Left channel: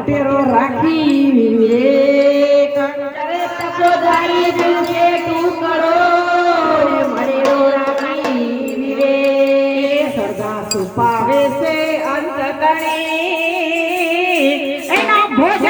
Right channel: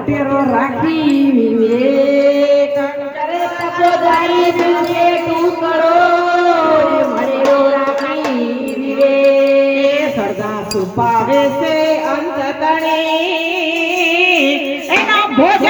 ટેરો રાખી રે કંકરે તપો દાઈ દિલને સુપાવે છે અંત ભોજન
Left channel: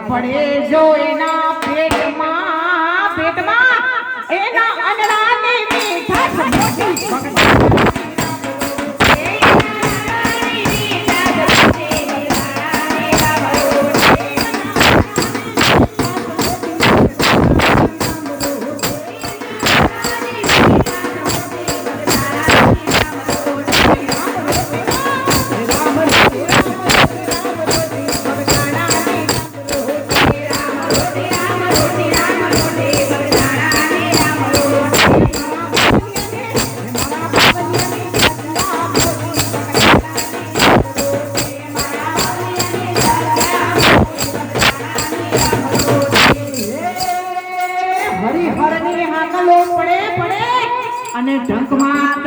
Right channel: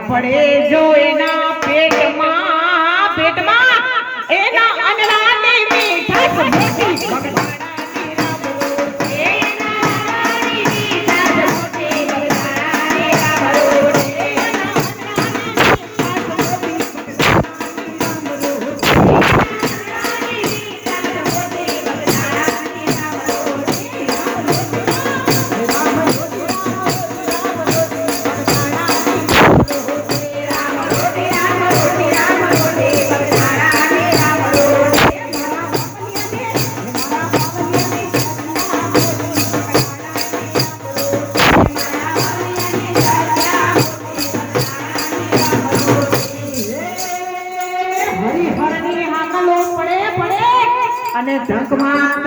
પડે જો અને ઢંક માત્ર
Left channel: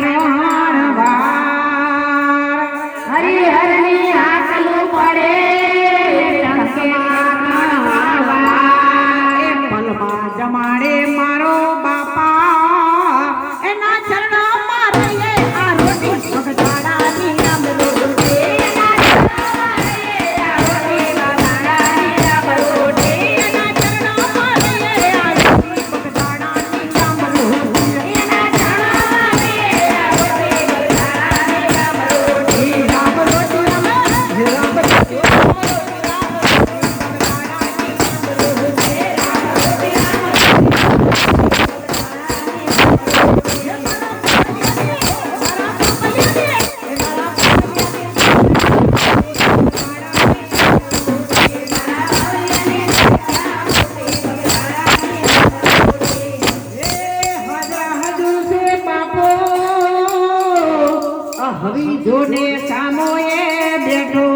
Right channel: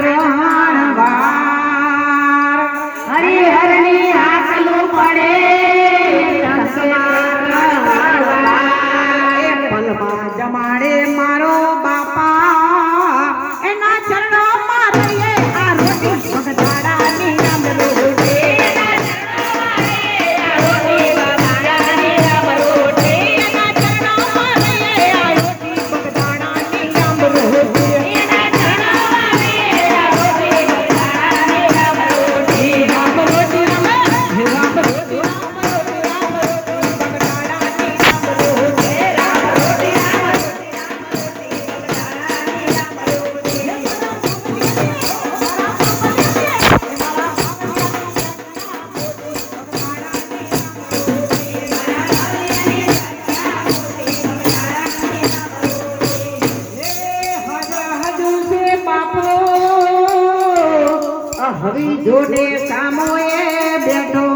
હવે જોને સામોએ બેઠો